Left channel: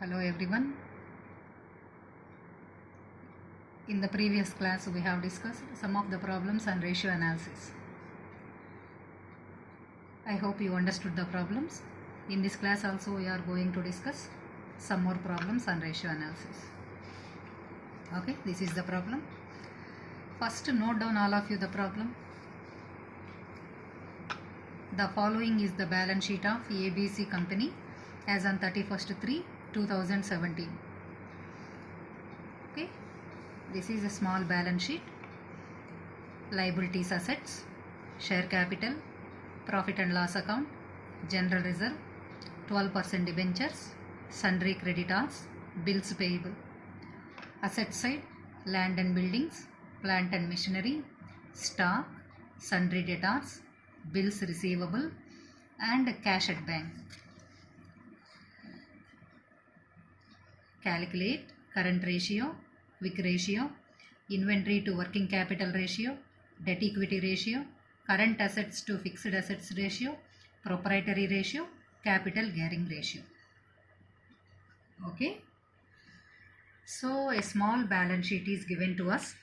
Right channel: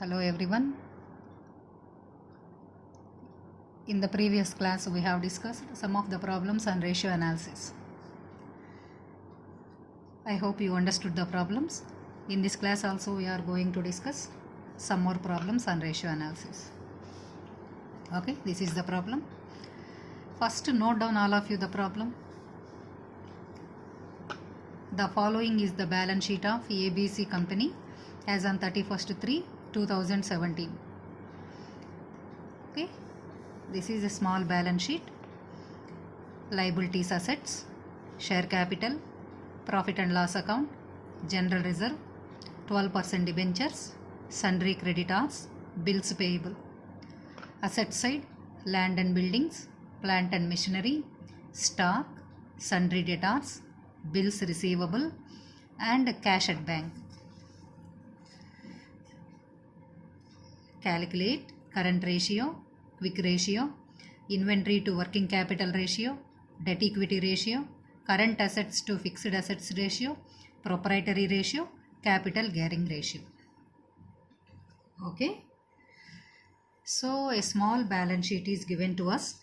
Hello everyone. In the previous class we have discussed some of the problems on ratio analysis. I hope you understood the problems. In this class also we are going to discuss some more problems on ratio analysis. Okay, this is the problem. First note down all of you the problem. The following is the balance sheet of ABC company as on 31st/3/2017. Okay, this is a small balance sheet. Liabilities, assets, share capital, profit and loss account, general reserve, 12% debentures, sundry creditors, bills payable. Asset side, land and buildings, plant and machinery, stock, sundry debtors, bills receivable, and cash at bank. Calculate current ratio, quick ratio, inventory to working capital ratio, debt equity ratio, current assets to fixed assets ratio, proprietary ratio, capital gearing ratio. Okay. So a small balance sheet is given to us.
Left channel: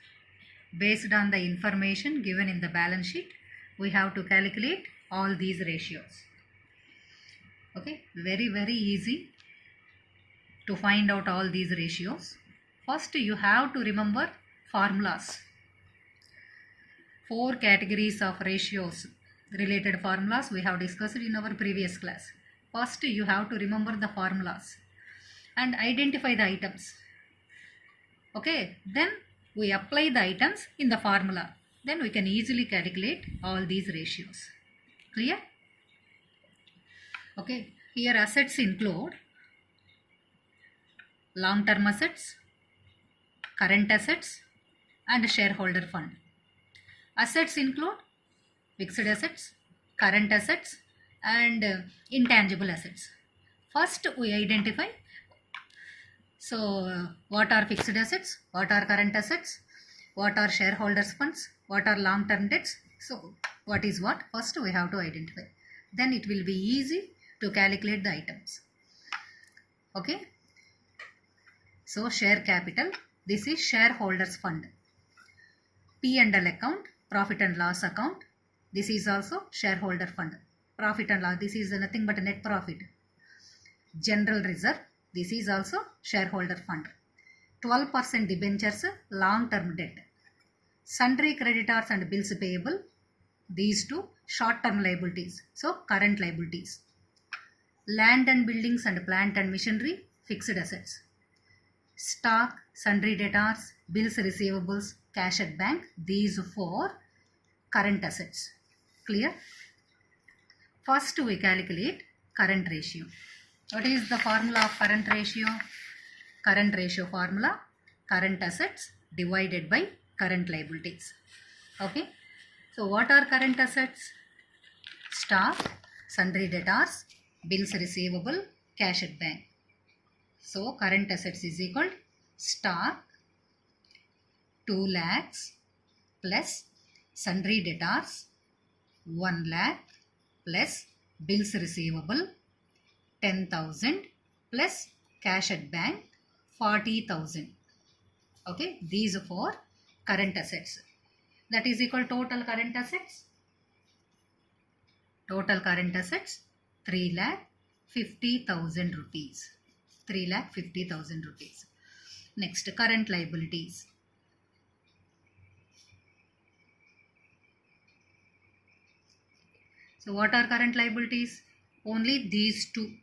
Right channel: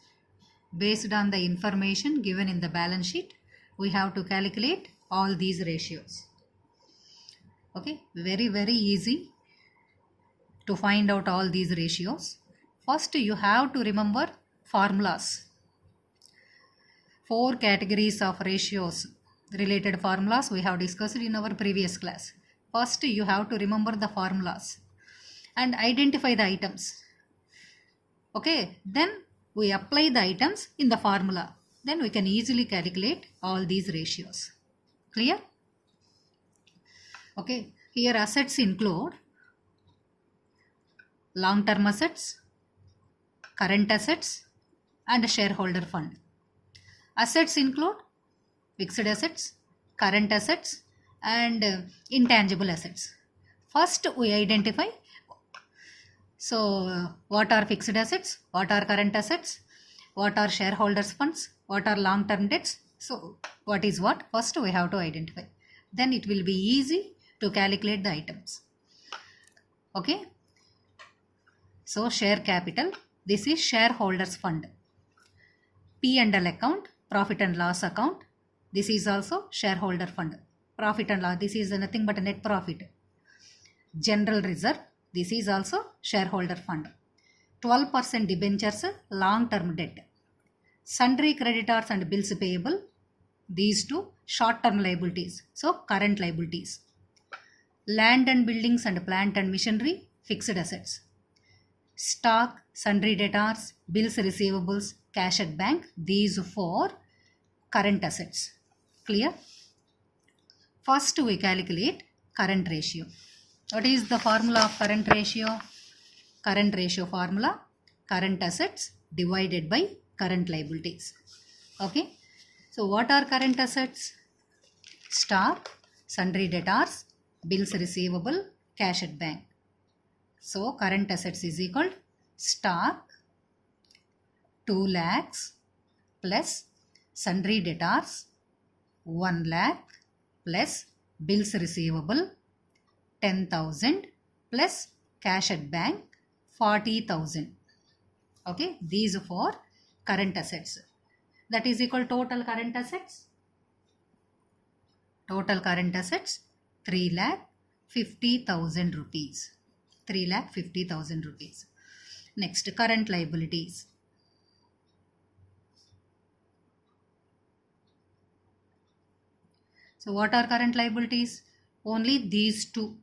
Based on the information given in the balance sheet, we have to calculate all these ratios. Okay, very easy to find out all these ratios. First you have to remember formulas. 4 categories of ratios related formulas we have discussed in our previous class. First you have to remember the formulas and identify the items. Okay, then we apply the items in the formula. Then we can easily calculate all these ratios. Clear? Okay, here assets include long-term assets, current assets, and shareholder fund. Assets include fixed assets, current assets, and intangible assets. First we identify what are fixed assets, what are current assets, what are shareholders funds, what are long-term debts. So what is what? First we have to identify. Then it will be easy to calculate the items. Okay. So share capital, this is shareholders fund. P&L account, profit and loss account, this is also shareholder fund. Profit and loss, this is nothing but a net profit. General reserve, this is also shareholder fund. 12% debentures, long-term debt. Sundry creditors and bills payable, these two short-term liabilities, so current liabilities. Land and buildings and plant and machinery, fixed assets. Stock, sundry debtors, bills receivables, cash at bank, these 4 current assets. Clear? First we calculate current ratio. What is the formula of current ratio? Current ratio formula, current assets divided by current liabilities. Okay. So what are current assets? Stock, sundry debtors, bills receivable, cash at bank. So current assets is equal to stock 2 lakhs plus sundry debtors 1 lakh plus bills receivable 10,000 plus cash at bank 40,000. Okay, these 4 current assets. That is equal total current assets. Total current assets 3,50,000 rupees. 3,50,000 rupees. Next, current liabilities. So what are current liabilities? Only these 2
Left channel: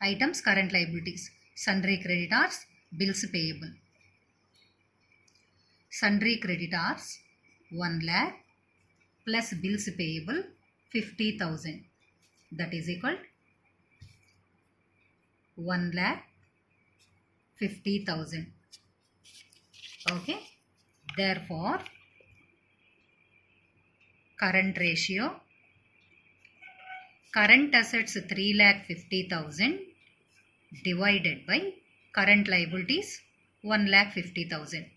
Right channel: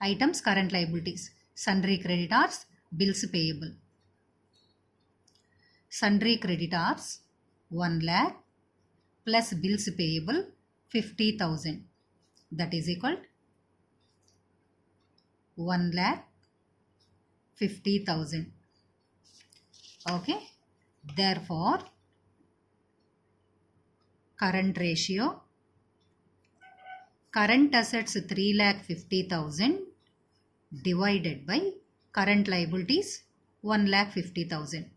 items current liabilities. Sundry creditors, bills payable. Sundry creditors 1 lakh plus bills payable 50,000. That is equal to 1,50,000. Okay. Therefore, current ratio, current assets 3,50,000 divided by current liabilities 1,50,000.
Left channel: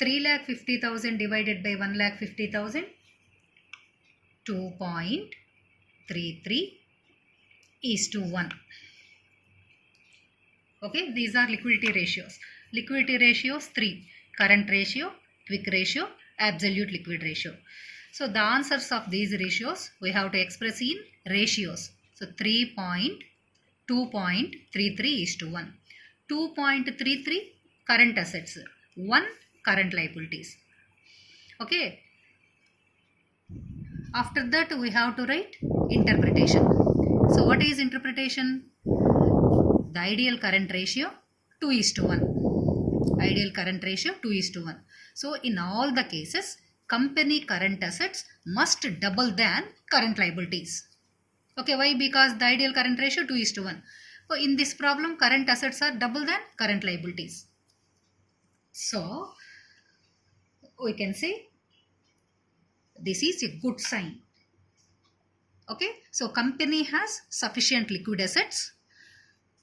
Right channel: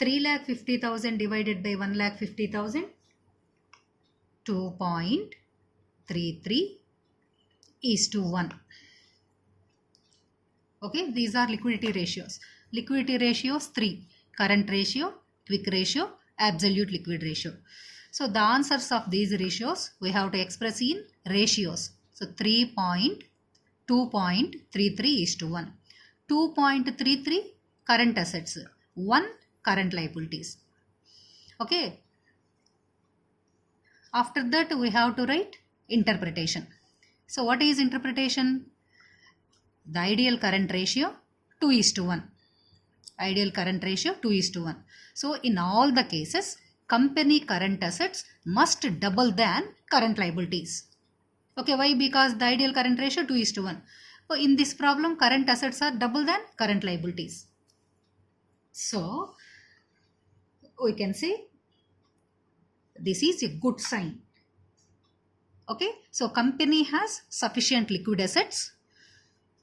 3,50,000 divided by 1,50,000, 2.33 is to 1. Okay, these are liquidity ratios. Liquidity ratios 3: current ratio, quick ratio, absolute liquid ratio. So the answers of these ratios we have to express in ratios. So 3.2.33:1. 2.33 current assets, 1 current liabilities. Okay. After that we have to write interpretation. So what is interpretation? The ideal current ratio 2:1. Ideal current ratio 2:1. So in all the cases, company current assets must double than current liabilities. Okay, why? Because the ideal current ratio 2:1. So in this problem, current assets are double than current liabilities. So we can say this is a good sign. Okay, so company has sufficient liquid assets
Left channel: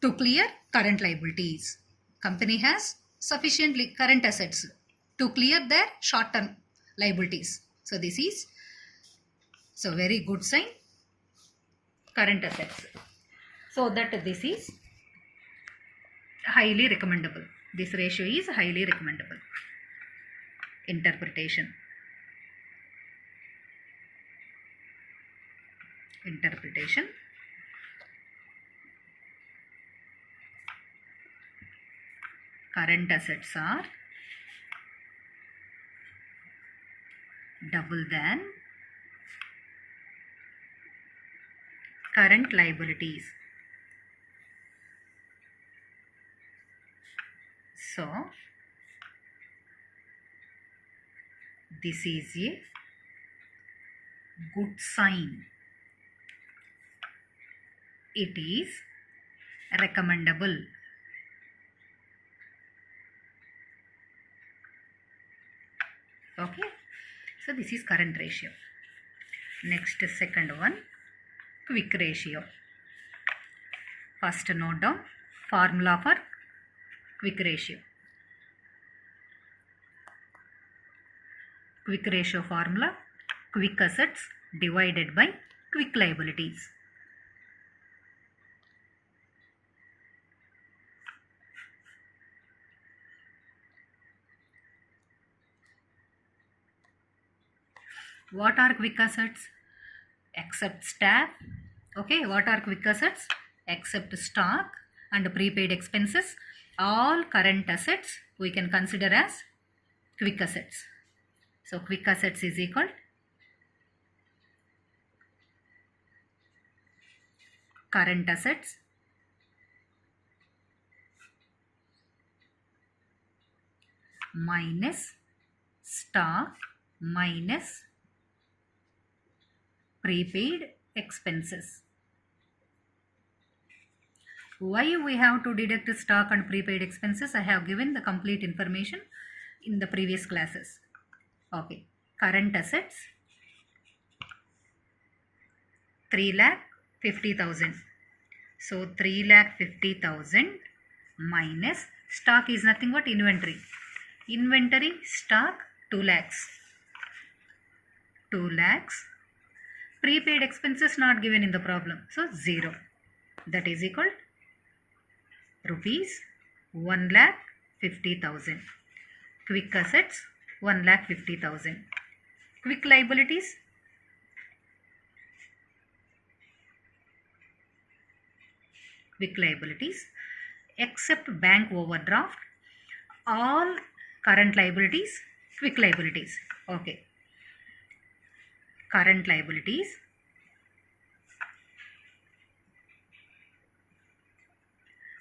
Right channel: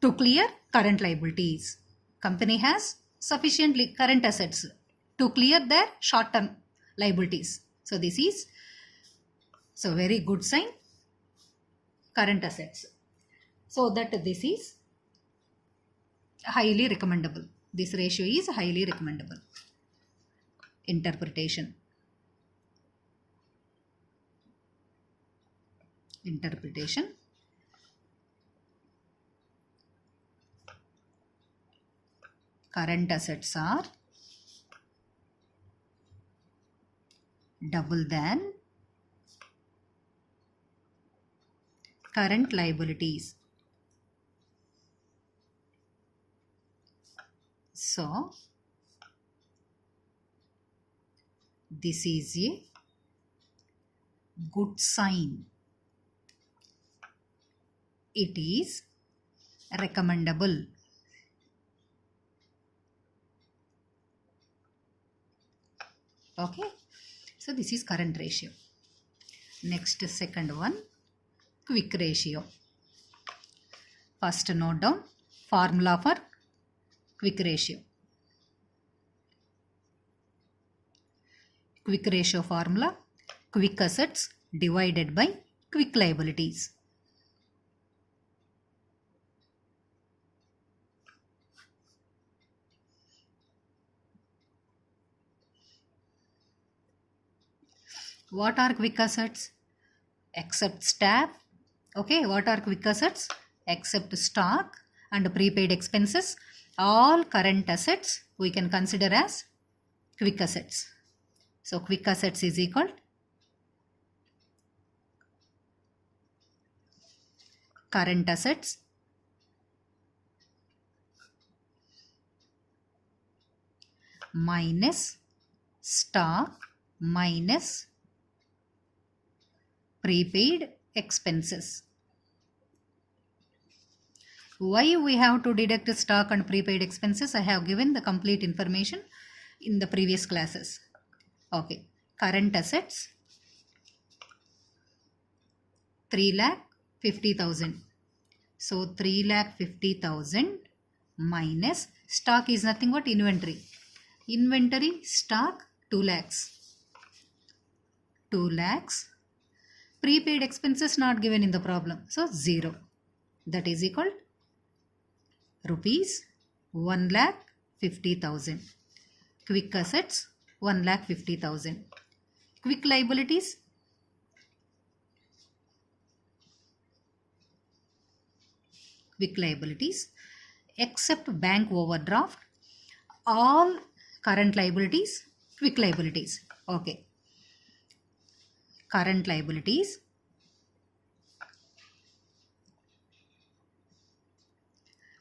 to clear current liabilities. Company has sufficient current assets to clear their short-term liabilities. So this is very good sign, current assets. So that this is highly recommendable. This ratio is highly recommendable. Interpretation. Current assets are double than current liabilities. So this is a good sign. It is recommendable. Okay, so this is current ratio. Next, second one, quick ratio. First note down formula for quick ratio. Quick ratio formula: quick assets divided by quick liabilities. What are quick assets? Except stock. Okay, what are quick assets? Except stock and prepaid expenses, all current assets we can consider as quick assets. So quick assets is equal current assets minus stock minus prepaid expenses. Why we have to deduct stock and prepaid expenses? I have given the complete information in the previous classes. Okay, current assets 3,50,000. So 3,50,000 minus stock is nothing but inventory. Inventory stock 2 lakhs. 2 lakhs. Prepaid expenses not given in the problem. So 0. That is equal rupees 1,50,000. Quick assets 1,50,000. Quick liabilities except bank overdraft, all current liabilities quick liabilities. Okay, current liabilities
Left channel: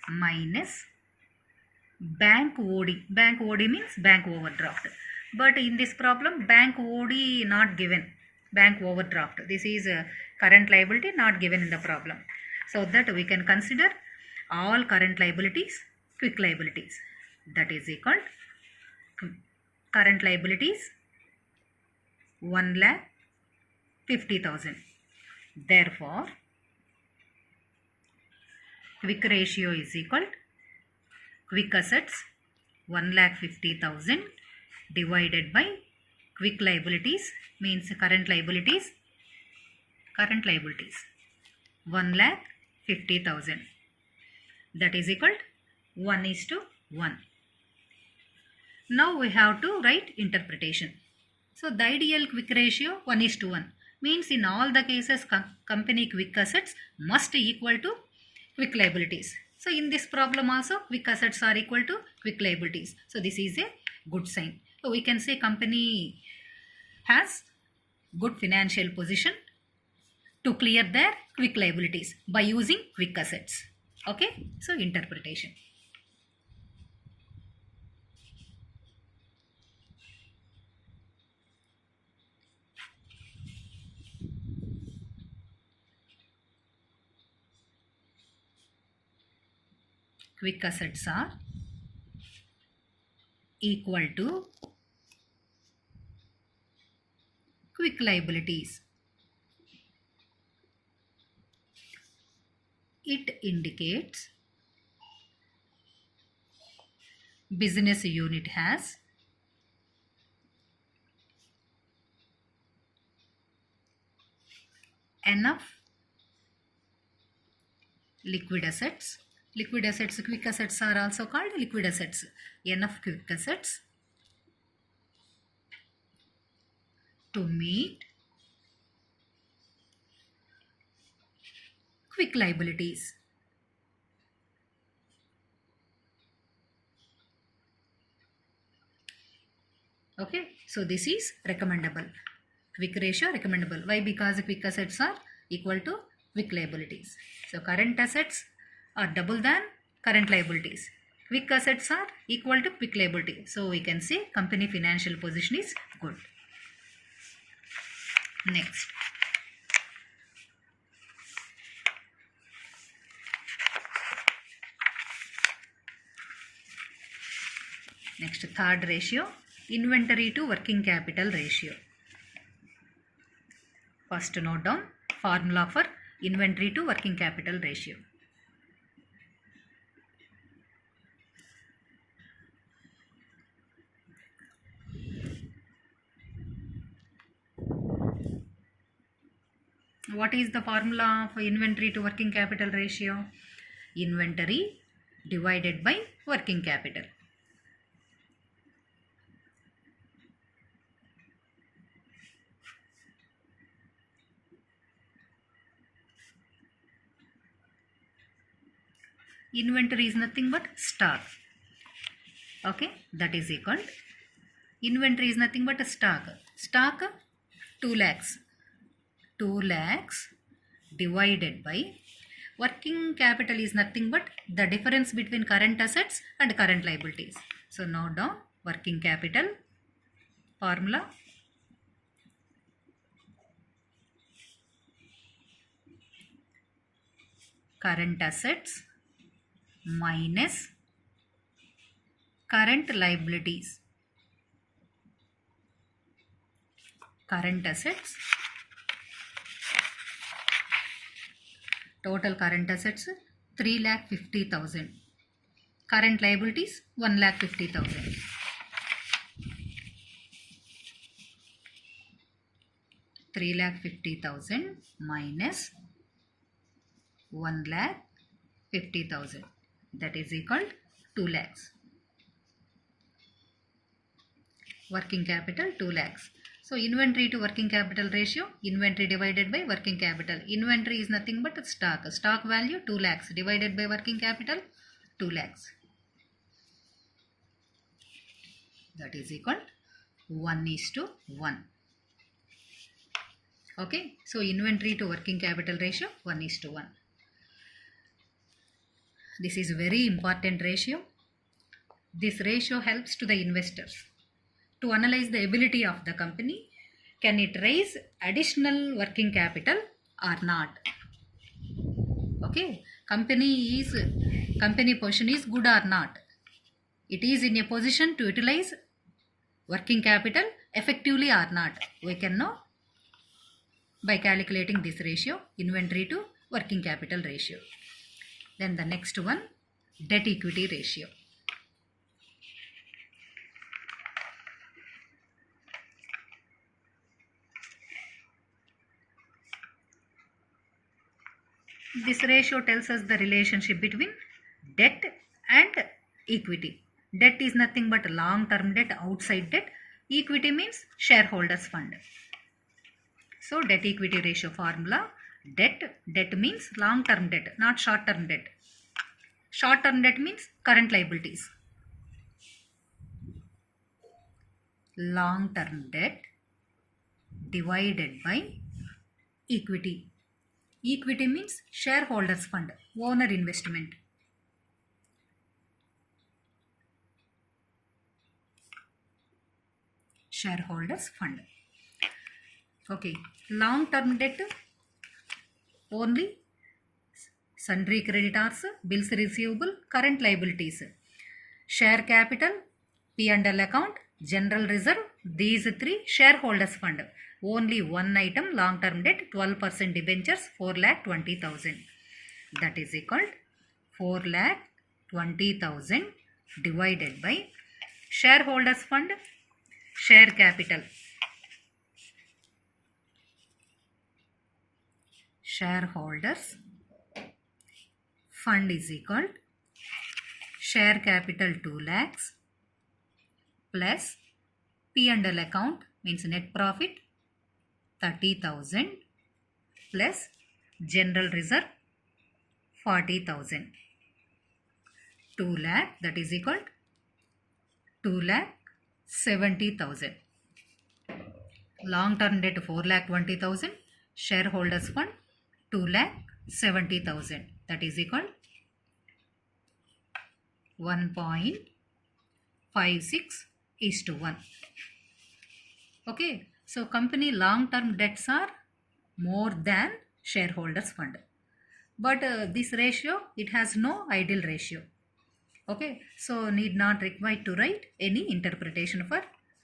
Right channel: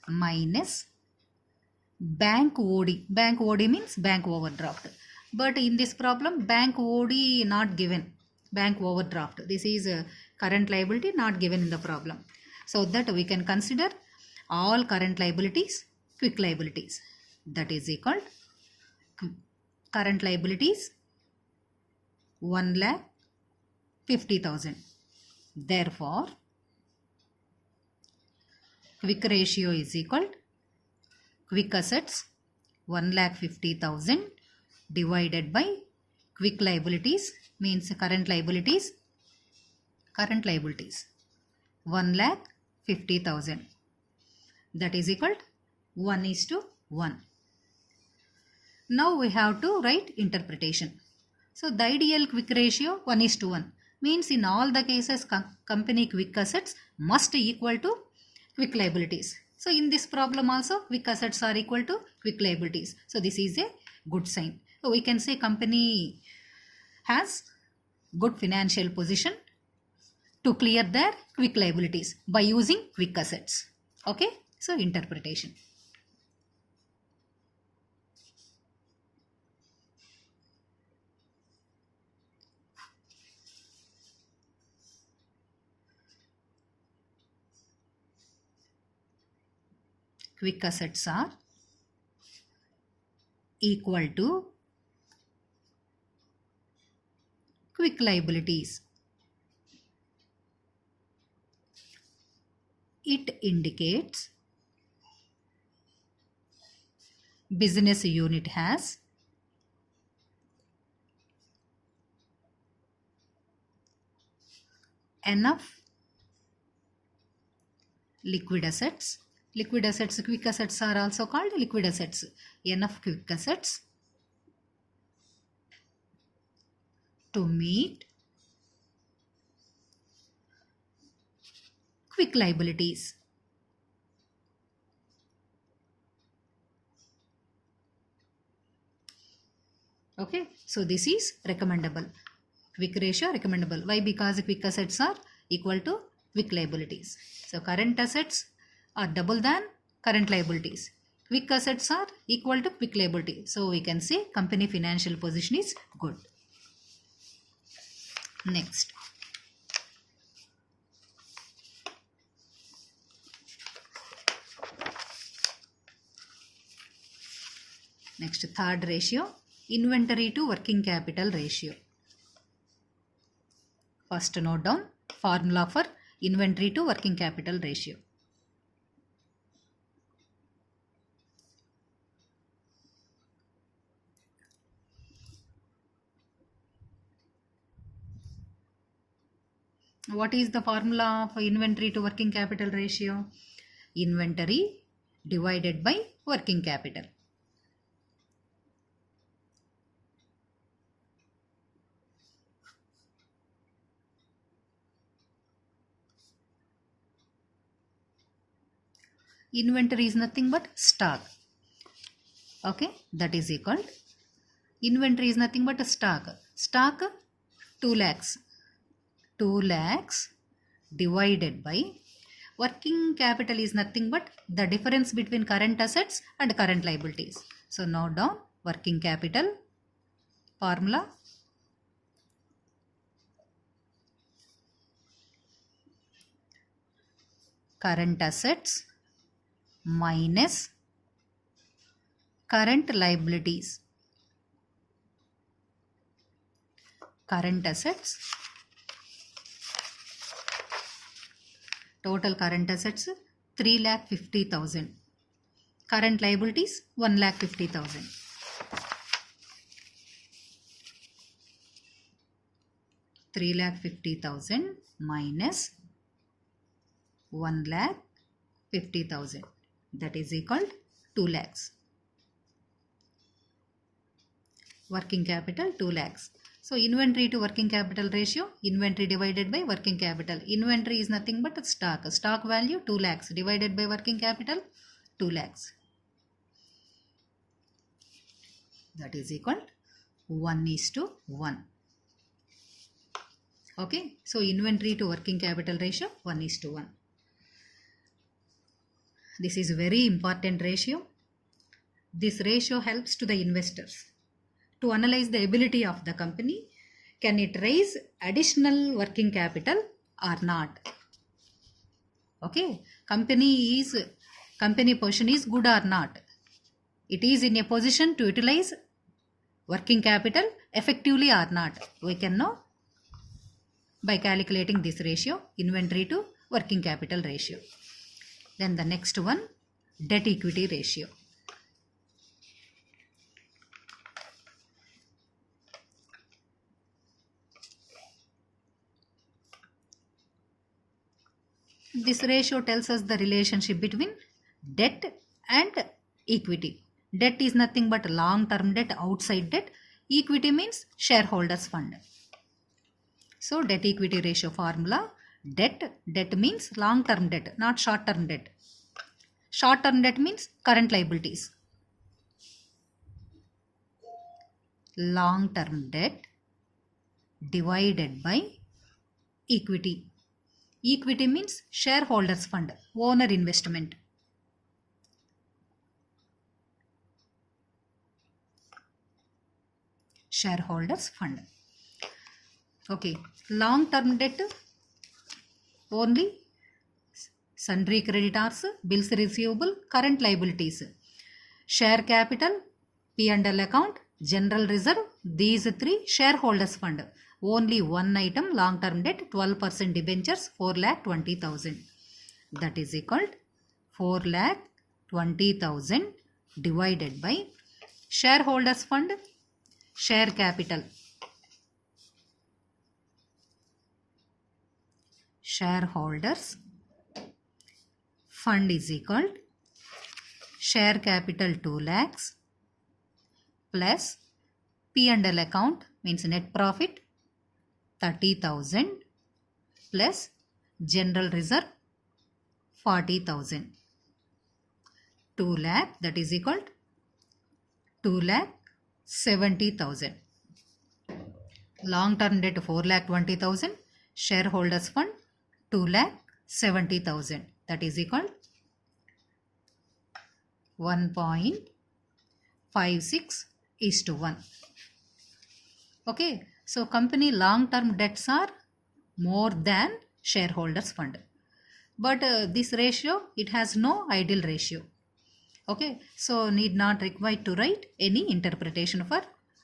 minus bank OD. Bank OD means bank overdraft, but in this problem bank OD not given, bank overdraft. This is a current liability not given in the problem. So that we can consider all current liabilities quick liabilities. That is equal current liabilities 1,50,000. Therefore quick ratio is equal quick assets 1,50,000 divided by quick liabilities means current liabilities 1,50,000. That is equal 1:1. Now we have to write interpretation. So the ideal quick ratio 1:1 means in all the cases company quick assets must equal to quick liabilities. So in this problem also quick assets are equal to quick liabilities. So this is a good sign. So we can say company has good financial position to clear their quick liabilities by using quick assets. Okay, so interpretation. Quick assets are equal to quick liabilities. It indicates business unit has enough liquid assets. Liquid assets, quick assets are also called liquid assets. Enough quick assets to meet quick liabilities. Okay, so this is recommendable. Quick ratio recommendable. Why? Because quick assets are equal to quick liabilities. So current assets are double than current liabilities. Quick assets are equal to quick liability. So we can say company financial position is good. Next. Next, third ratio, inventory to working capital ratio. First note down formula for inventory to working capital ratio. What is the formula for inventory to working capital ratio? Inventory divided by working capital. Inventory is nothing but stock. Okay, that is equal. Inventory is nothing but a stock. Stock 2 lakhs. 2 lakhs divided by working capital is nothing but the difference between current assets and current liabilities. So now down working capital formula. Current assets minus current liabilities. Current assets, total current assets 3,50,000. Current liabilities 1,50,000. $3,50,000 minus 1,50,000, that is equal to 2 lakhs. Working capital 2 lakhs. So inventory to working capital ratio, inventory divided by working capital. Inventory is nothing but stock. Stock value 2 lakhs divided by working capital 2 lakhs. That is equal 1:1. Okay, so inventory to working capital ratio 1:1. This is very important ratio. This ratio helps to the investors to analyze the ability of the company. Can it raise additional working capital or not? Okay, company position is good or not. It is in a position to utilize working capital effectively or not. We can know by calculating this ratio, inventory to working capital ratio. Then the next one, debt equity ratio. This ratio tells us the relationship between debt and equity. Debt is nothing but long term debt, outside debt. Equity means shareholders fund. So debt equity ratio formula, debt means long term debt, not short term debt. Short term debt means current liabilities. Long term debt divided by equity. Equity means shareholders fund, owner investment. Shareholders fund. Okay, long term debt only sundry creditors, bills receivable, current liabilities. Share capital, P&L account, general reserve, these three shareholders fund. Only one item, long term debt, 12% debentures, 4,20,000. That is equal to 4,20,000 divided by shareholders fund, share capital. Shareholders fund is equal to share capital 2 lakhs plus P&L account means net profit 30,000 plus general reserve 40,000. 2 lakh, that is equal to 2,70,000. Long term debt 4,20,000. Shareholders fund 2,70,000. That is equal to 1.56:1. Okay, so company long term debts are more than shareholders fund, but this ratio, it has no ideal ratio. Okay, so need not required to write any interpretation for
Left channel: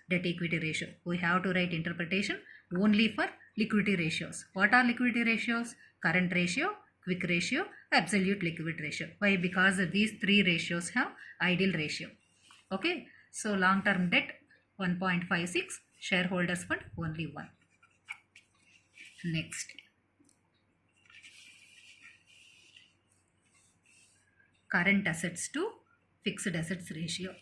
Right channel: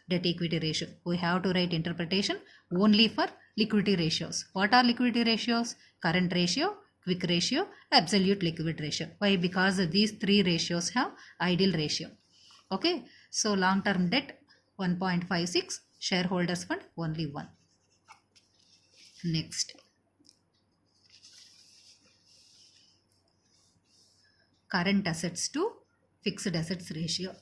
debt equity ratio. We have to write interpretation only for liquidity ratios. What are liquidity ratios? Current ratio, quick ratio, absolute liquid ratio. Why? Because these three ratios have ideal ratio. Okay, so long term debt 1.56, shareholders fund only 1. Next, current assets to fixed assets ratio.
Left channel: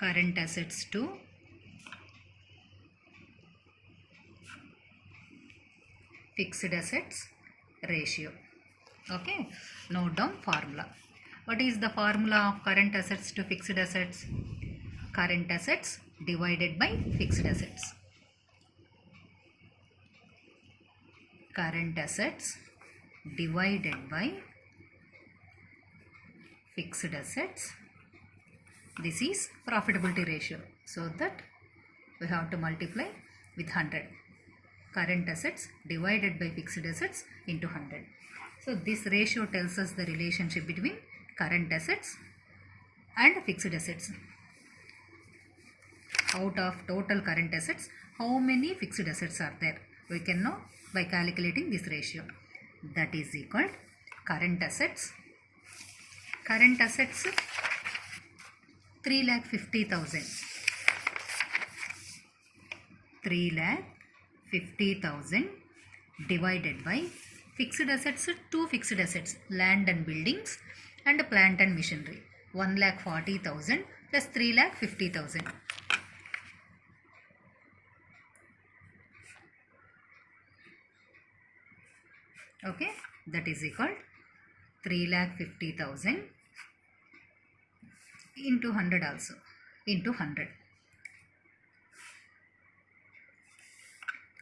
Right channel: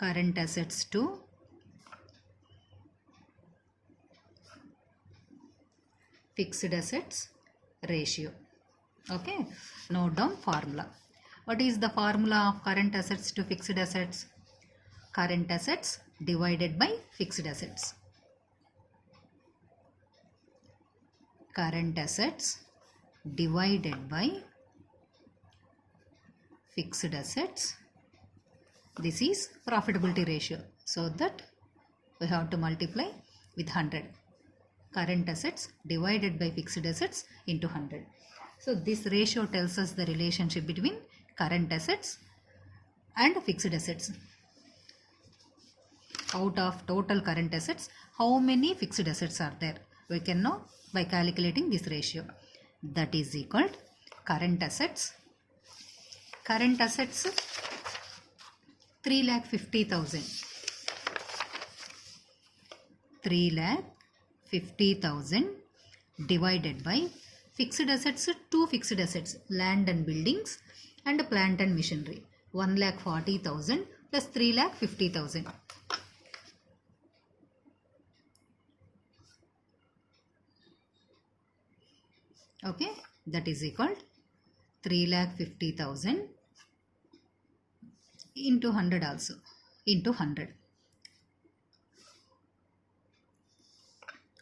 Current assets to fixed assets ratio. Okay, note down formula. What is the formula of current assets to fixed assets? Current assets divided by fixed assets. Current assets divided by fixed assets. This is profitability ratio. So that we have to multiply with 100. Current assets divided by fixed assets into 100. So this ratio tells us the relationship between current assets and fixed assets. Out of total current assets, how many fixed assets are there? We can know by calculating this ratio. That is equal to current assets. Current assets 3,50,000. 3,50,000 divided by fixed assets, two fixed assets, land and buildings and plant and machinery. 1,40,000 plus 3,50,000. Okay, that is equal to 3,50,000 into 100 also, into 100.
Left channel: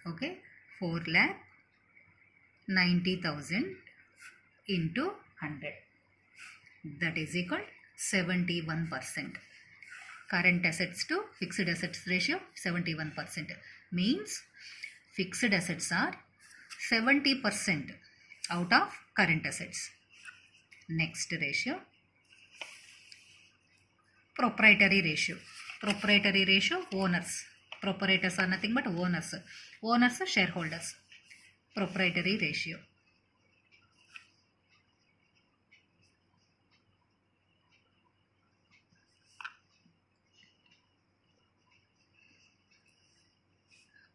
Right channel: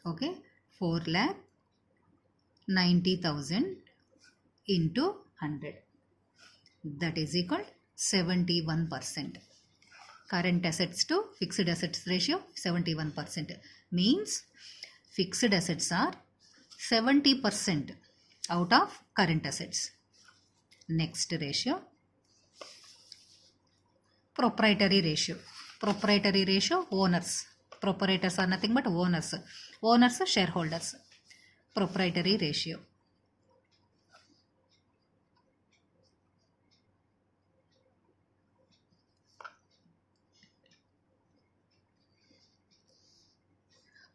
Okay, 4,90,000 into 100. That is equal to 71%. Current assets to fixed assets ratio 71%. Means fixed assets are 70% out of current assets. Next ratio, proprietary ratio. Proprietary ratio, owners. Proprietors are nothing but owners. Owners are shareholders. Proprietary ratio.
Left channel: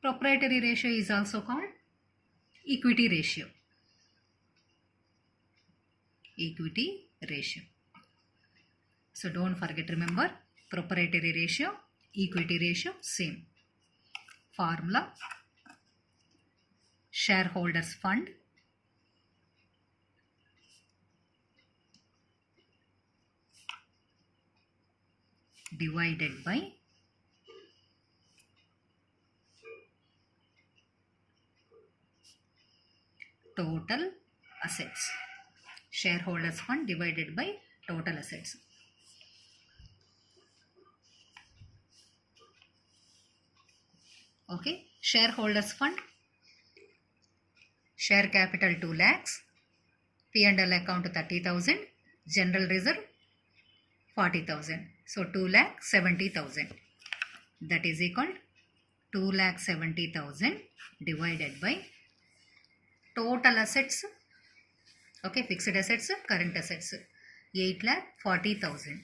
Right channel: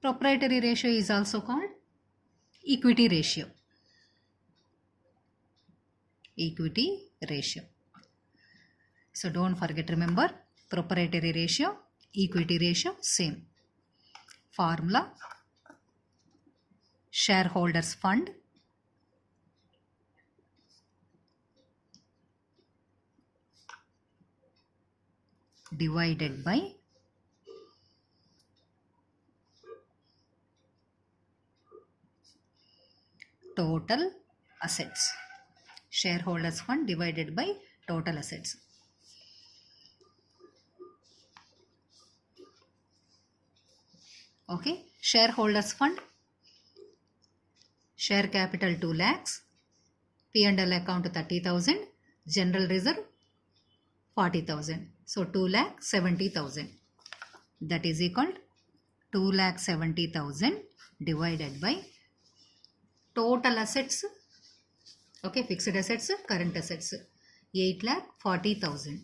Proprietary ratio is also called equity ratio. Equity ratio. So don't forget, remember, proprietary ratio, equity ratio, same. Formula: shareholders fund divided by total assets. Shareholders fund divided by total assets. Okay, shareholders fund, share capital 2 lakhs, P&L account 30,000, general reserve 40,000. So 2,70,000. That is equal to 2,70,000 divided by total assets. Okay, fixed assets, current assets 8,40,000.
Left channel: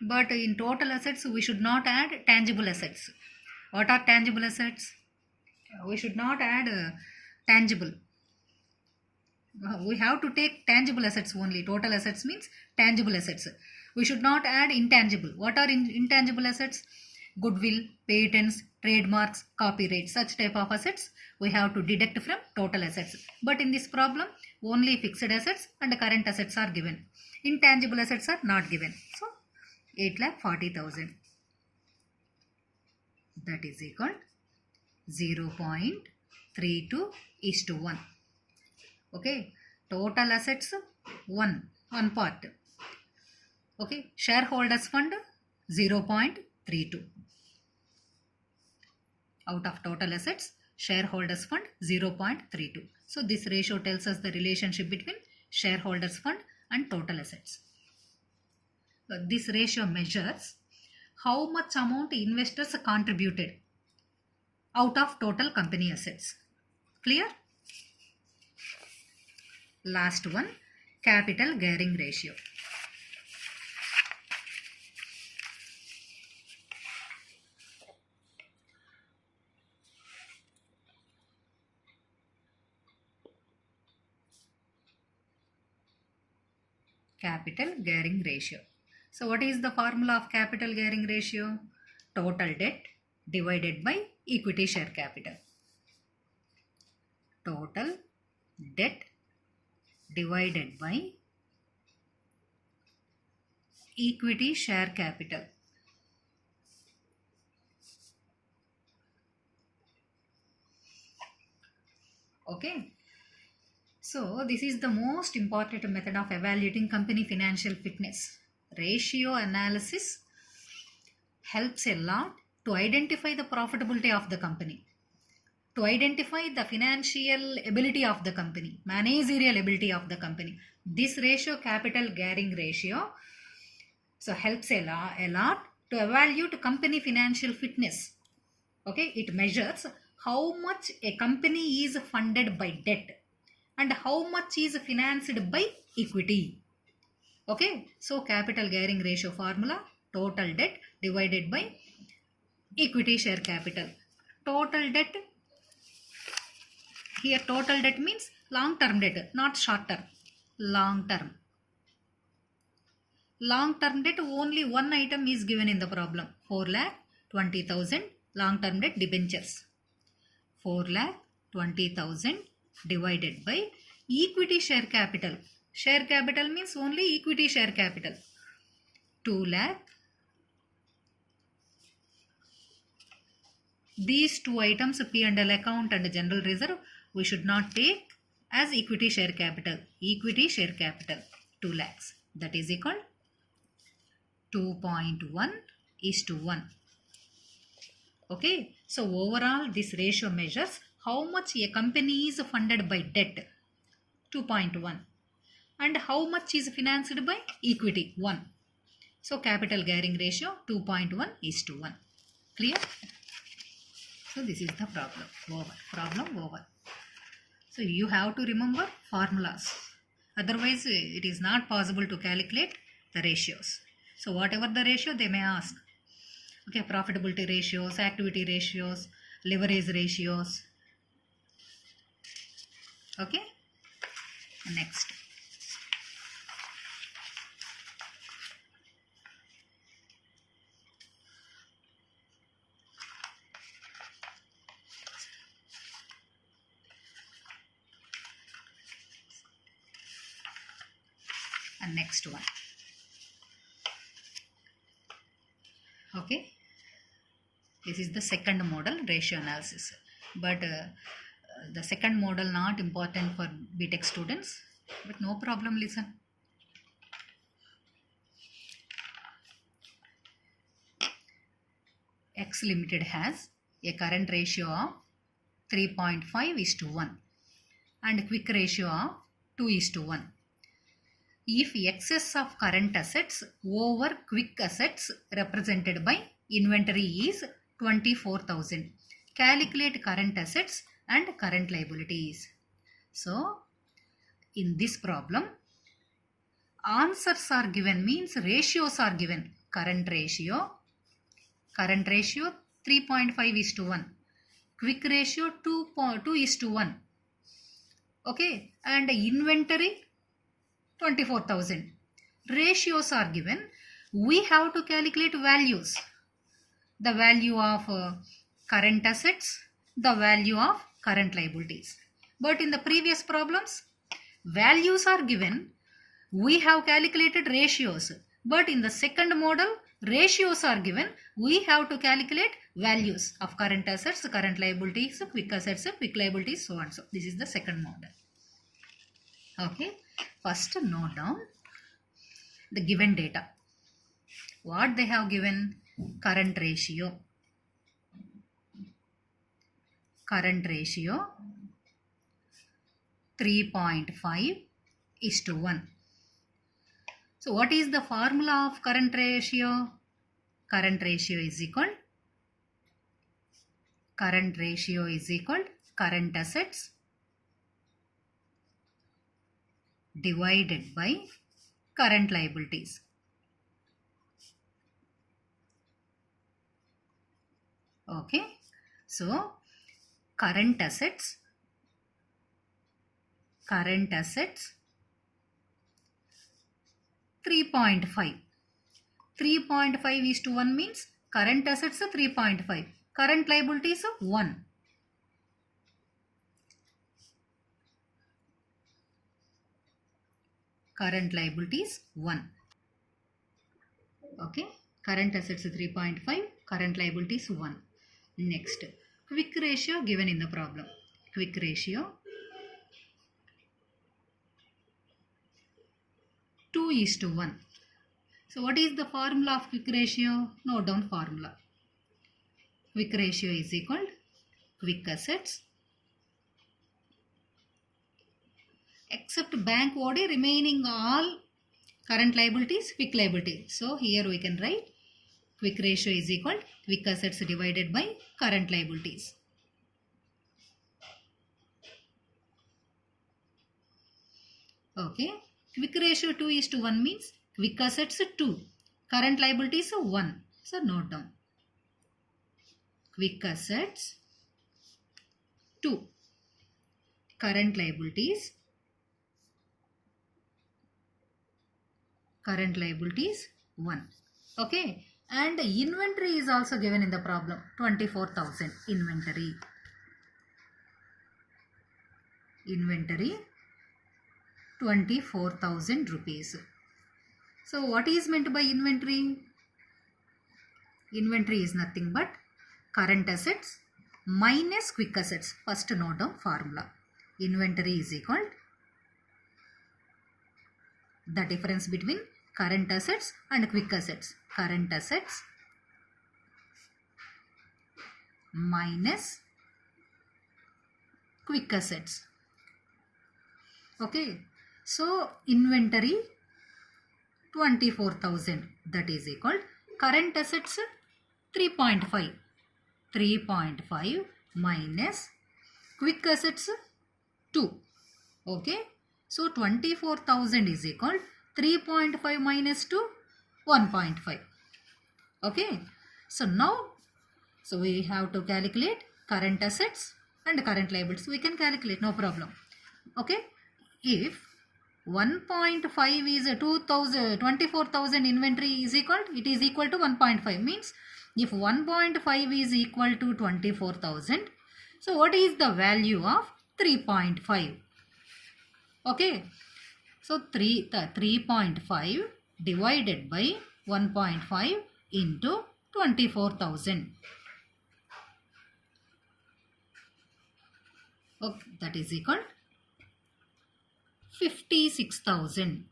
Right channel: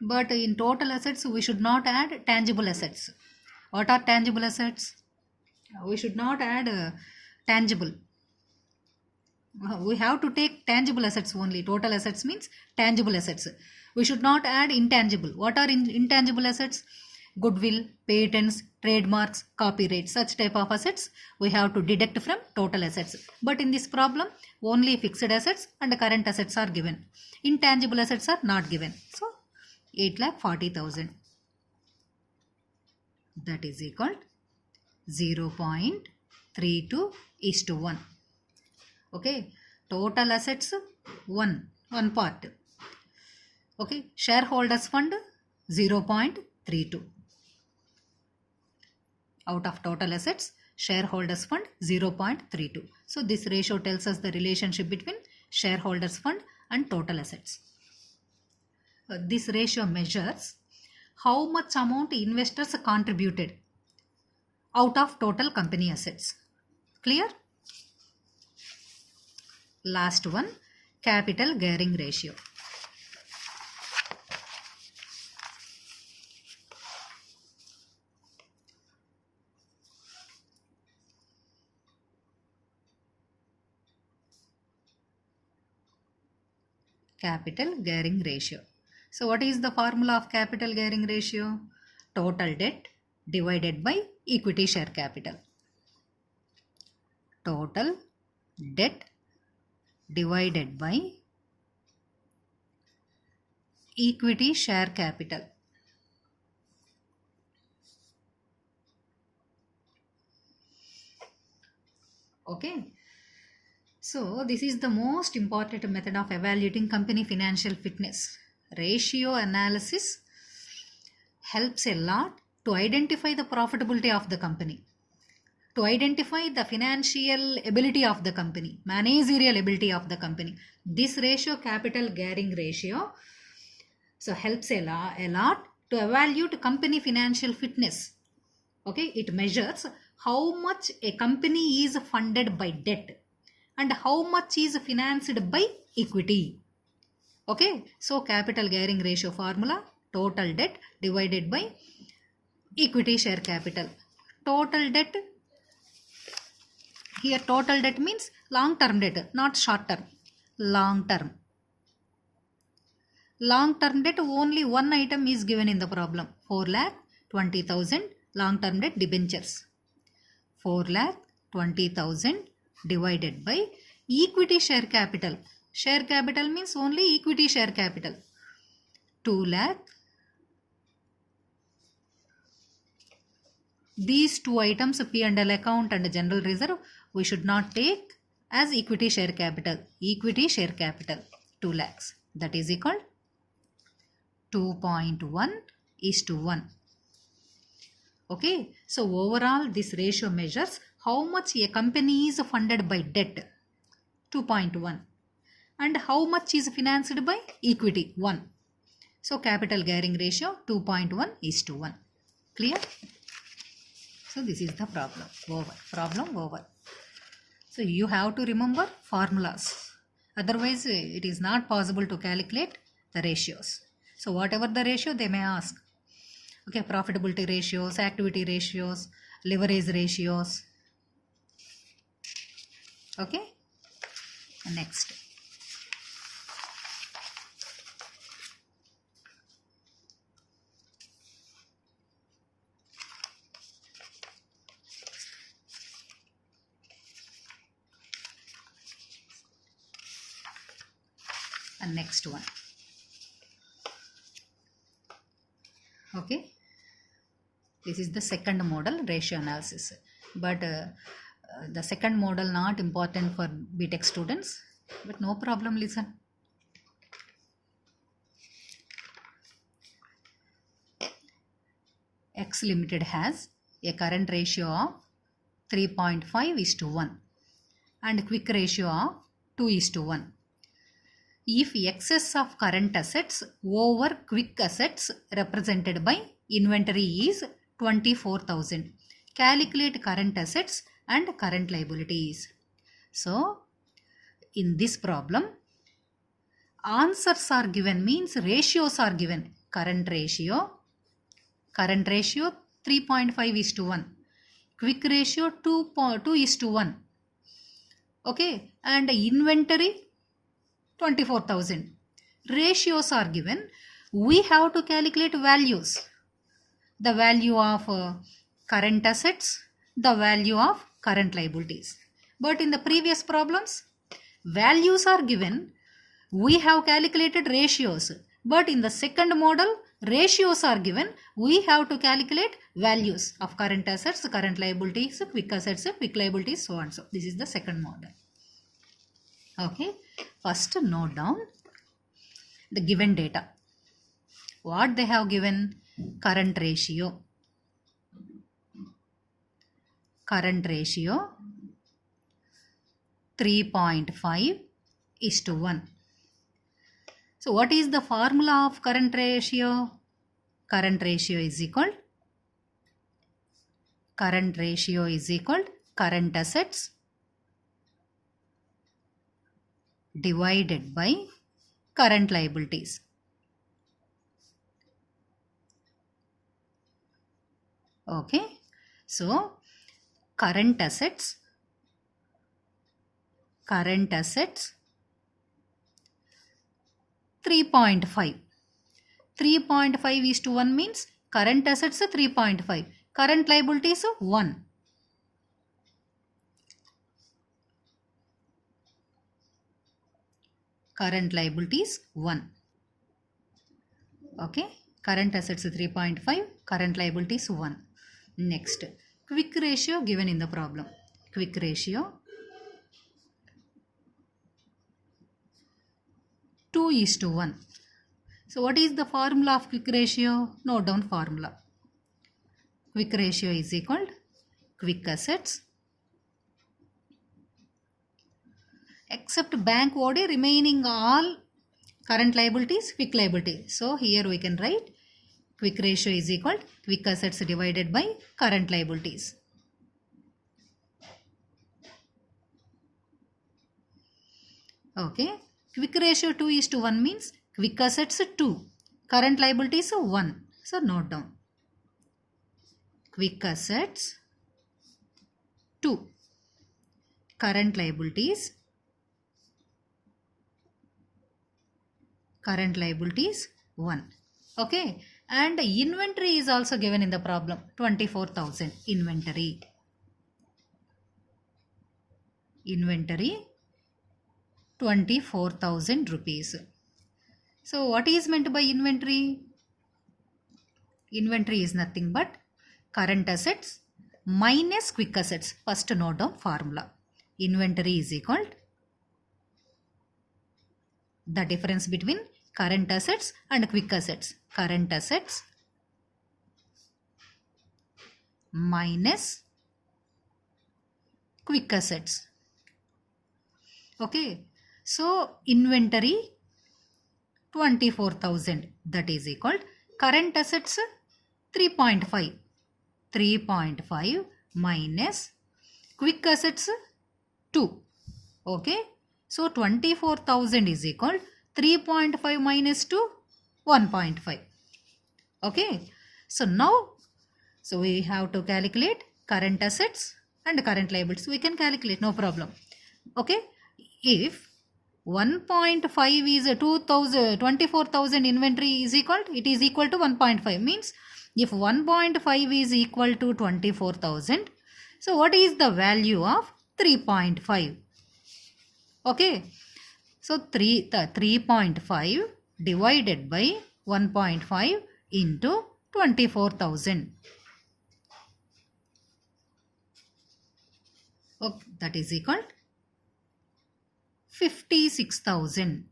But in total assets, we should not add tangible assets. What are tangible assets? We should not add tangible. We have to take tangible assets only. Total assets means tangible assets. We should not add intangible. What are intangible assets? Goodwill, patents, trademarks, copyright, such type of assets we have to deduct from total assets. But in this problem, only fixed assets and current assets are given. Intangible assets are not given. So 8,40,000. That is equal 0.32:1. Okay, total assets 1 part. Okay, shareholders fund 0.32. Out of total assets, shareholders fund 0.32. So this ratio tells us the relationship between shareholders fund and total assets. This ratio measures how much amount investors contributed out of total company assets. Clear? Last one, capital gearing ratio. Capital gearing ratio. So what is the formula of capital gearing ratio? Total debt divided by equity share capital. Total debt divided by equity share capital. Okay. So this is the most important method of evaluating company financial fitness. Ratio analysis helps a lot to identify the profitability of the company, to identify the financial ability of the company, managerial ability of the company. This ratio, capital gearing ratio, so helps a lot to evaluate company financial fitness. Okay, it measures how much a company is funded by debt and how much is financed by equity. Okay, so capital gearing ratio formula, total debt divided by equity share capital. Total debt, here total debt means long term debt, not short term. Long term. Long term debt, only one item is given in the problem. 4,20,000 long term debt debentures. 4,20,000 divided by equity share capital. Share capital means only equity share capital. 2 lakh. These two items, P&L account and general reserve, we should not take as equity share capital. Equity share capital 2 lakhs. That is equal 2.1:1. Okay, so overall this ratio measures how much a company is funded by debt, 2.1, and how much is financed by equity, 1. So capital gearing ratio 2.1:1. Clear? So this is the problem. Problem over. So you have to remember formulas. Otherwise it is not possible to calculate the ratios. So whatever the ratio they may ask. Okay, profitability ratios, activity ratios, leverage ratios. Okay, next. And next one. Okay, this is the second model, ratio analysis, but the second model not important for BTech students, but no problem, listen. X Limited has a current ratio of 3.5:1 and quick ratio of 2:1. If excess of current assets over quick assets represented by inventory is 24,000, calculate current assets and current liabilities. So, in this problem, answers are given, means ratios are given. Current ratio 3.5:1, quick ratio 2:1. Okay, and inventory 24,000. Ratios are given. We have to calculate values. The value of current assets, the value of current liabilities. But in the previous problems, values are given. We have calculated ratios. But in the second model, ratios are given. We have to calculate values of current assets, current liabilities, quick assets, quick liabilities, so on. So this is the second model. Okay, first note down the given data. What they have given? Current ratio 3.5:1. So what is the formula of current ratio? Current ratio is equal current assets divided by current liabilities. Okay, so current assets 3.5. 3.5:1 means current assets 3.5, current liabilities 1. Current liabilities 1. Okay, current assets 3.5, current liabilities 1. Next, quick ratio given in the problem. Quick ratio 2:1. So what is the formula of quick ratio? Note down formula. Quick ratio is equal to quick assets except bank OD, remaining all current liabilities, quick liability. So here we can write quick ratio is equal to quick assets divided by current liabilities. Okay, quick ratio 2:1 means quick assets 2, current liabilities 1. So note down. Quick assets 2, current liabilities 1. Okay, and inventory is also given in the problem. 24,000 inventory 24,000 rupees. So what is meant by inventory? Inventory is nothing but current assets minus quick assets. First note down formula. Inventory is equal to the difference between current assets and quick assets. Current assets minus quick assets. Okay, so inventory 24,000, that is equal to current assets 3.5 minus quick assets 2. Okay, so 24,000 is equal to 3.5 minus 2, 1.5. Okay, So now, so we have to calculate current assets and current liabilities. We can calculate, no problem. Okay. If 1.5 is a 24,000 inventory is equal, it is equal to 1.5. Means if 1.5 is equal to 24,000, so what is the value of 3.5? Okay. So 3.5 divided by 1.5 into 24,000. Okay, that is equal 56,000.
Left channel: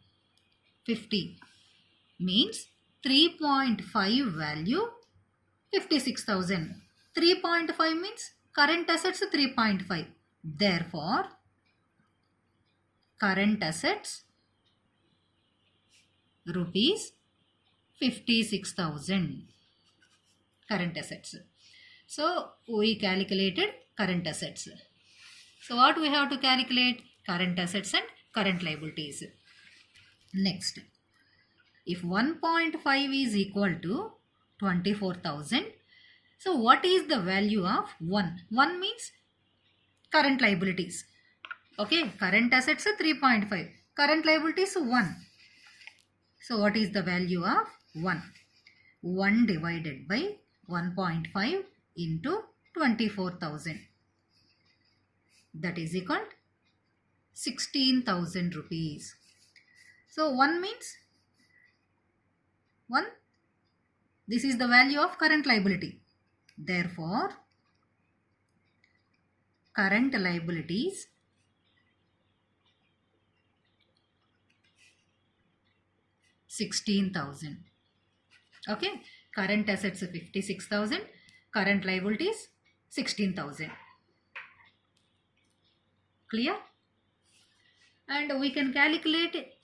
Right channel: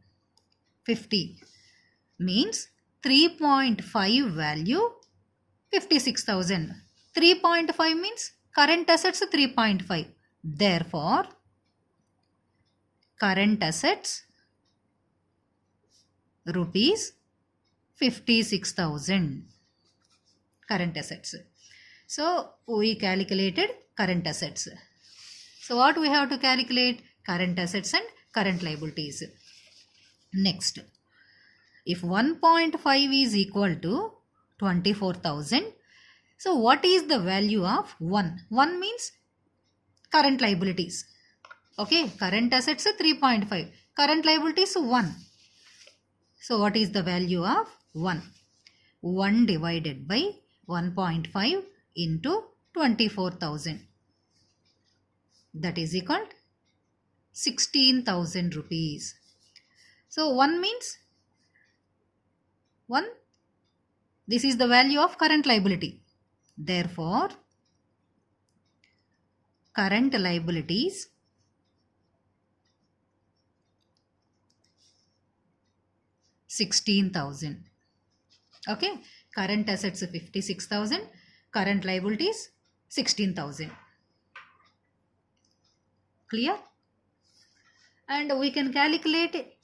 50 means 3.5 value 56,000. 3.5 means current assets 3.5. Therefore, current assets rupees 56,000. Current assets. So we calculated current assets. So what we have to calculate? Current assets and current liabilities. Next, if 1.5 is equal to 24,000, so what is the value of 1? 1 means current liabilities. Okay, current assets 3.5, current liabilities 1. So what is the value of 1? 1 divided by 1.5 into 24,000. That is equal 16,000 rupees. So 1 means 1. This is the value of current liability. Therefore, current liabilities $16,000. Okay, current assets 56,000, current liabilities 16,000. Clear? And we can calculate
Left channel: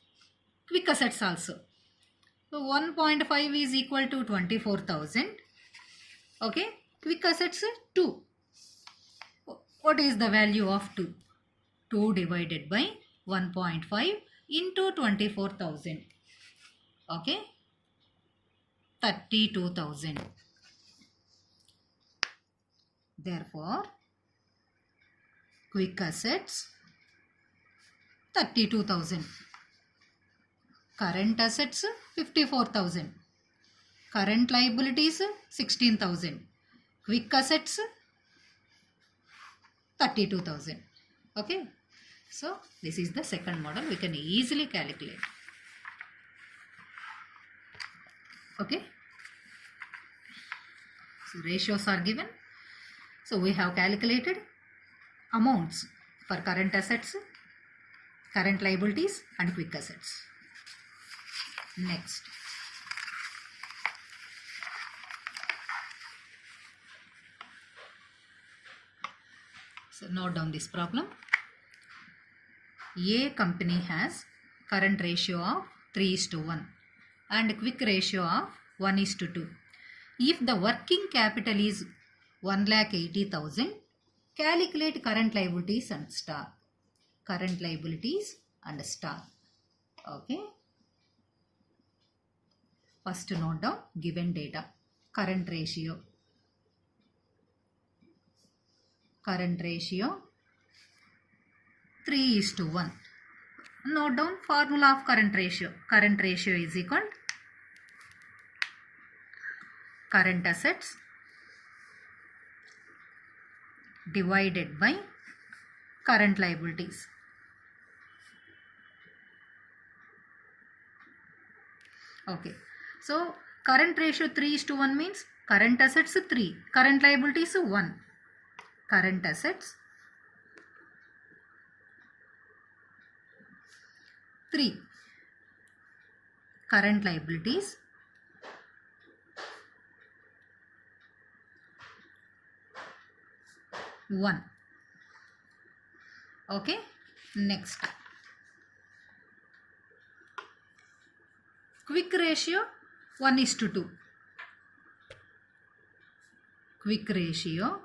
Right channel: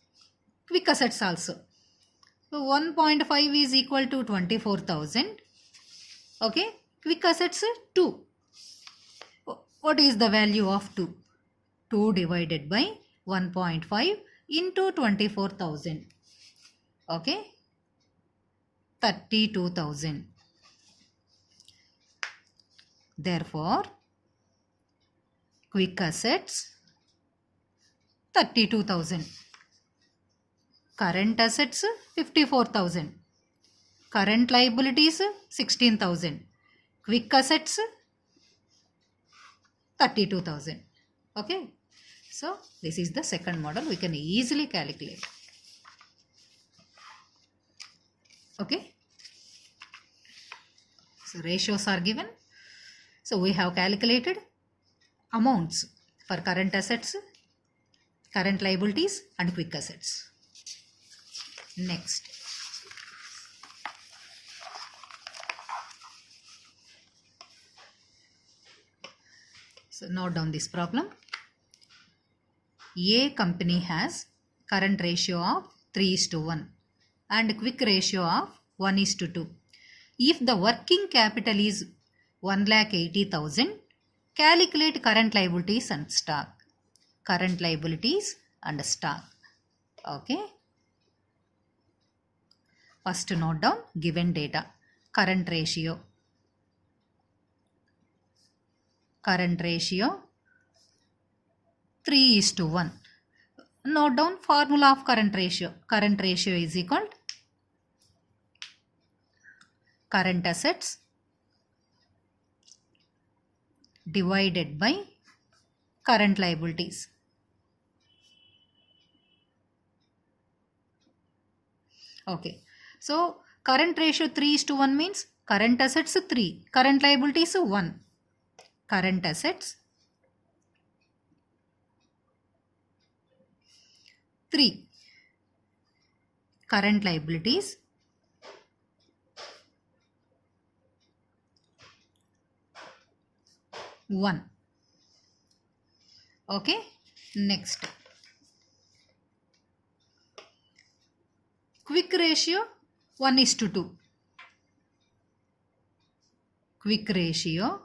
quick assets also. So 1.5 is equal to 24,000. Okay, quick assets 2. What is the value of 2? 2 divided by 1.5 into 24,000. Okay, 32,000. Therefore, quick assets 32,000. Current assets 54,000. Current liabilities 16,000. Quick assets 32,000. Okay. So this is the second model. We can easily calculate. Okay. So ratios are given. So we have calculated amounts for current assets, current liabilities and quick assets. Next. So note down this problem. A company has current ratio of 3:1 and quick ratio of 1:2. If the working capital is 1,80,000, calculate current liabilities and stock. Current liabilities and stock. Okay. First note down given data. Current ratio. Current ratio 3:1. Note down formula of current ratio. Current ratio is equal to current assets divided by current liabilities. Okay. So current ratio 3:1 means current assets 3, current liabilities 1. Current assets 3, current liabilities 1. Okay. Next. Quick ratio 1:2. Quick ratio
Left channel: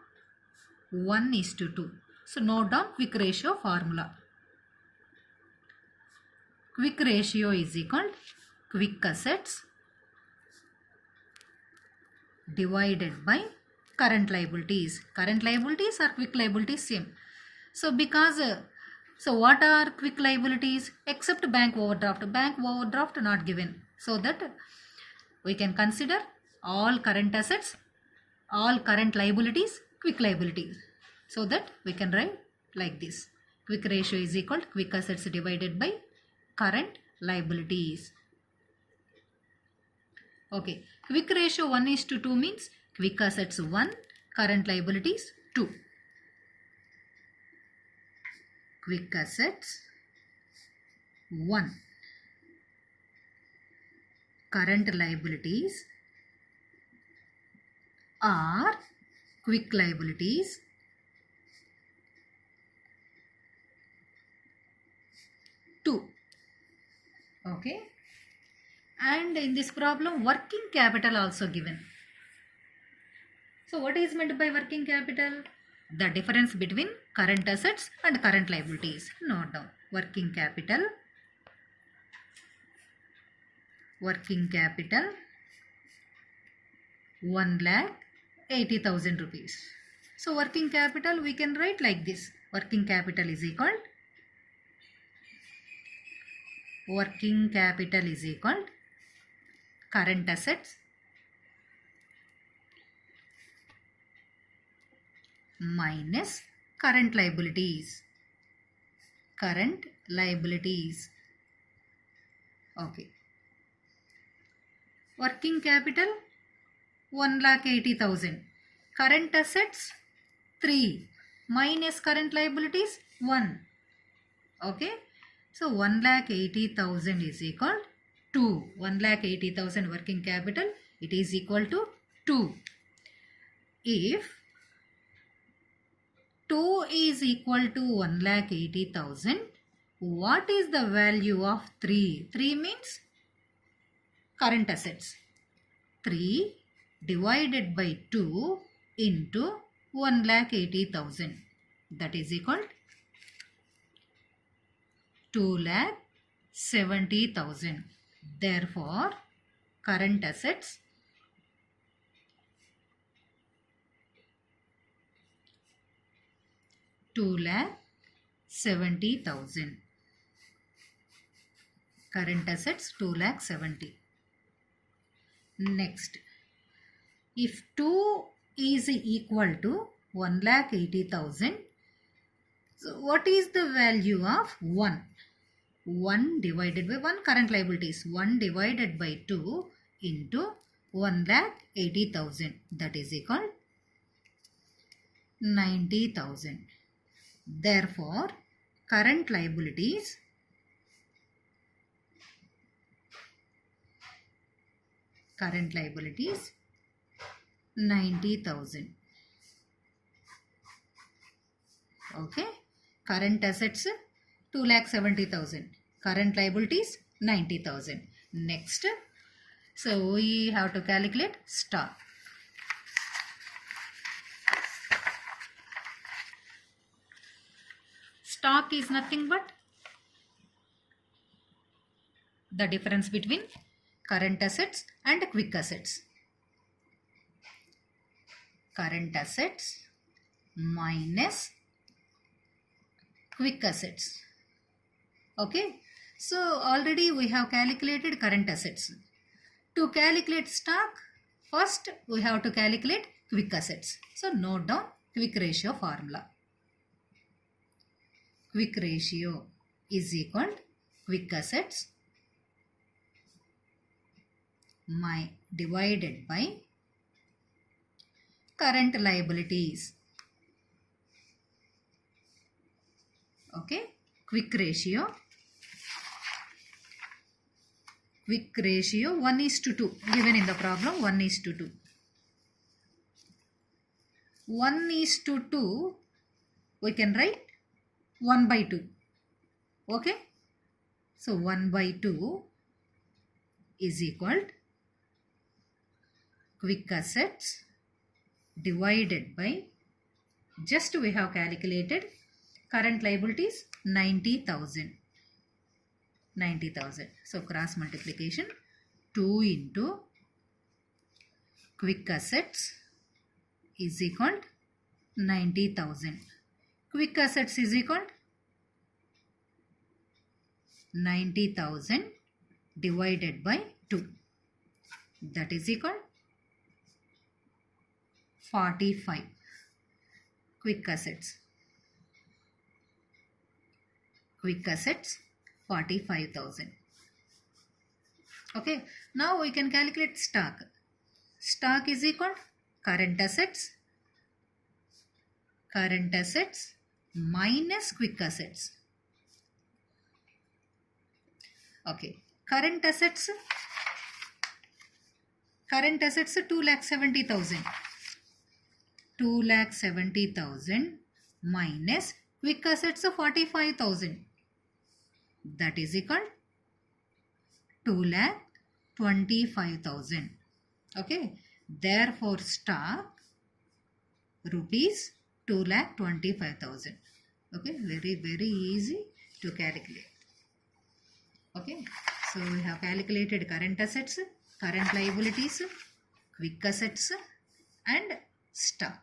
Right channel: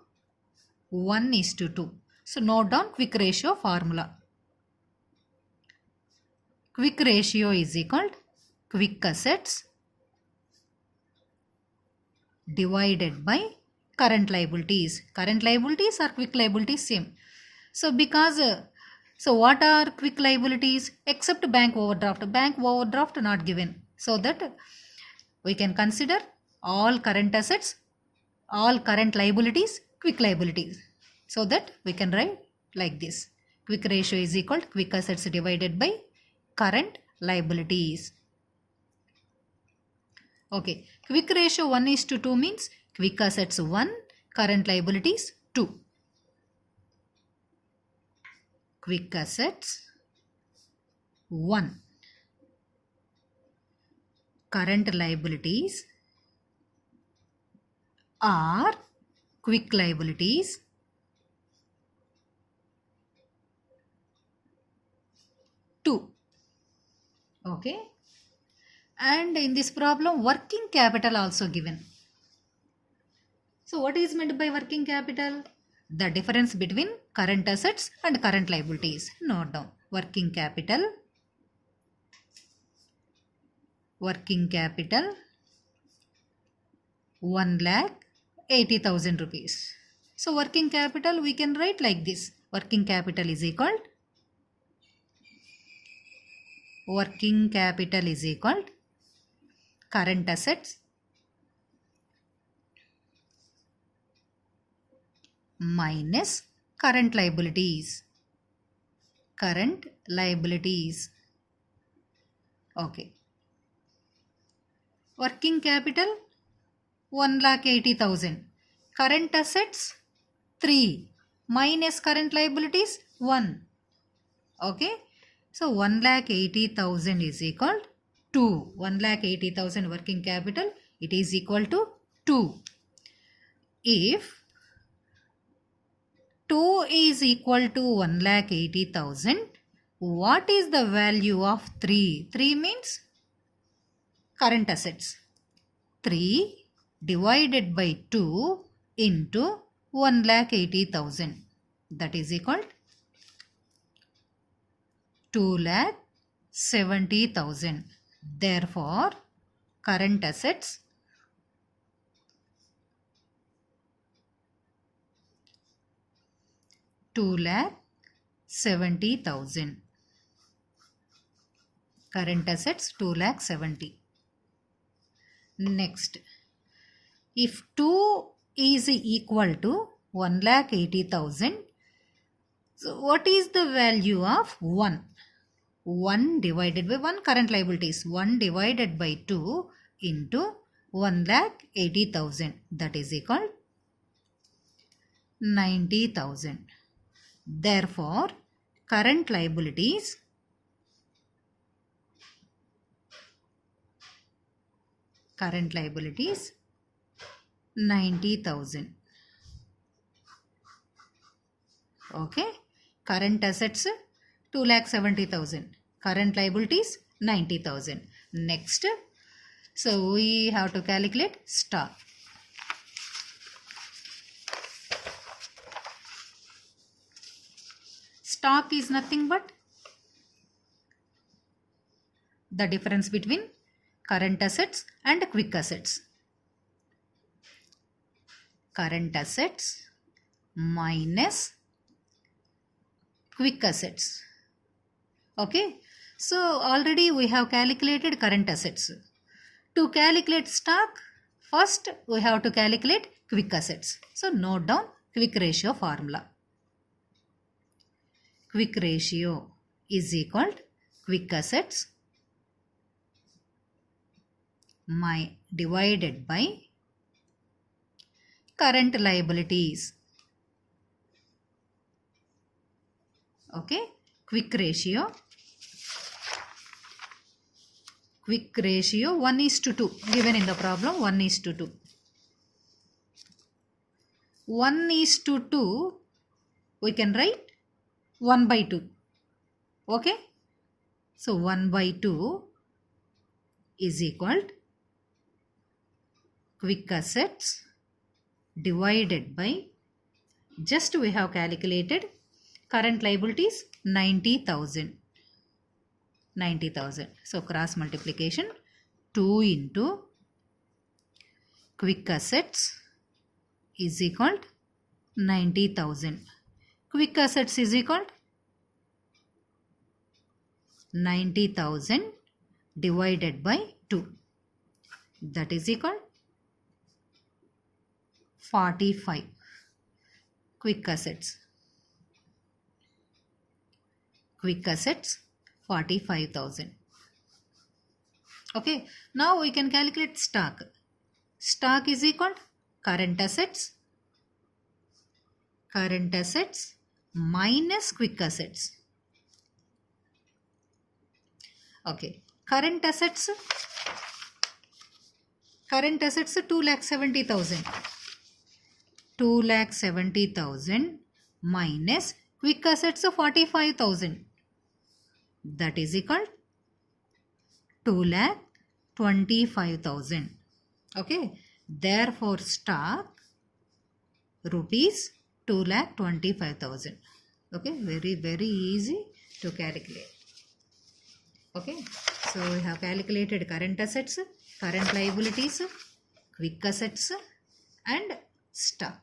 1:2. So note down quick ratio formula. Quick ratio is equal to quick assets divided by current liabilities. Current liabilities or quick liabilities same. So because so what are quick liabilities except bank overdraft? Bank overdraft not given. So that we can consider all current assets, all current liabilities, quick liabilities. So that we can write like this. Quick ratio is equal to quick assets divided by current liabilities. Okay, quick ratio 1:2 means quick assets 1, current liabilities 2. Quick assets 1, current liabilities are quick liabilities 2. Okay, and in this problem working capital also given. So what is meant by working capital? The difference between current assets and current liabilities. Note down. Working capital 1,80,000 rupees. So working capital we can write like this. Working capital is equal current assets minus current liabilities. Current liabilities. Okay. Working capital 1,80,000. Current assets 3 minus current liabilities 1. Okay. So 1,80,000 is equal to 1,80,000 working capital. It is equal to 2. If 2 is equal to 1,80,000, what is the value of 3? 3 means current assets. 3 divided by 2 into 1,80,000. That is equal to 2,70,000. Therefore, current assets $2,70,000. Current assets 2,70,000. Next, if 2 is equal to 1,80,000, so what is the value of 1? 1 divided by 1 current liabilities. 1 divided by 2 into 1,80,000. That is equal 90,000. Therefore, current liabilities current liabilities 90,000. Okay, current assets 2,70,000, current liabilities 90,000. Next, so we have to calculate stock. Stock is nothing but the difference between current assets and quick assets. Current assets minus quick assets. Okay, so already we have calculated current assets. To calculate stock, first we have to calculate quick assets. So note down quick ratio formula. Quick ratio is equal to quick assets divided by current liabilities. Okay, quick ratio 1:2 given in the problem. 1:2. 1:2 we can write 1/2. Okay, so 1/2 is equal to quick assets divided by, just we have calculated current liabilities 90,000. 90,000. So cross multiplication 2 into quick assets is equal to 90,000. Quick assets is equal to 90,000 divided by 2. That is equal to 45. Quick assets. Quick assets 45,000. Okay. Now we can calculate stock. Stock is equal to current assets minus quick assets. Okay. Current assets 2,70,000. 2,70,000 minus quick assets 45,000. That is equal to 2,25,000. Okay. Therefore, stock rupees 2,25,000. Okay. Very, very easy to calculate. Okay. So, we have calculated current assets, current liabilities, quick assets and stock.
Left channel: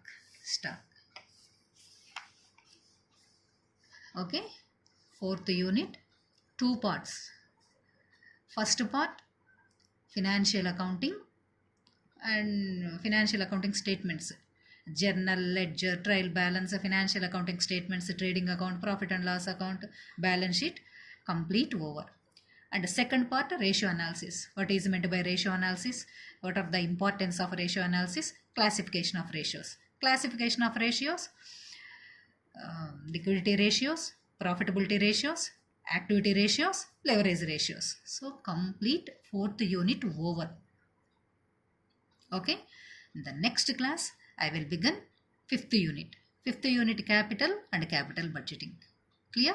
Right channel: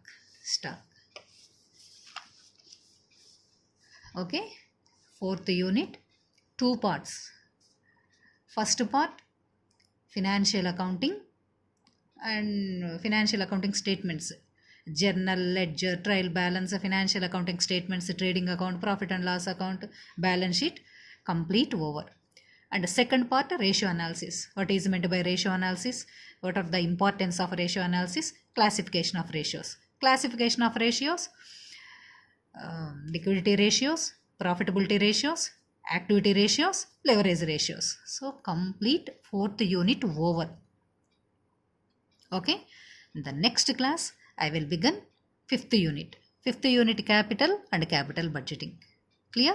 Okay. Fourth unit, 2 parts. First part, financial accounting and financial accounting statements. Journal, ledger, trial balance, financial accounting statements, trading account, profit and loss account, balance sheet, complete over. And the second part, ratio analysis. What is meant by ratio analysis? What are the importance of ratio analysis? Classification of ratios. Classification of ratios, liquidity ratios, profitability ratios, activity ratios, leverage ratios. So, complete fourth unit over. Okay. In the next class, I will begin fifth unit. Fifth unit, capital and capital budgeting. Clear?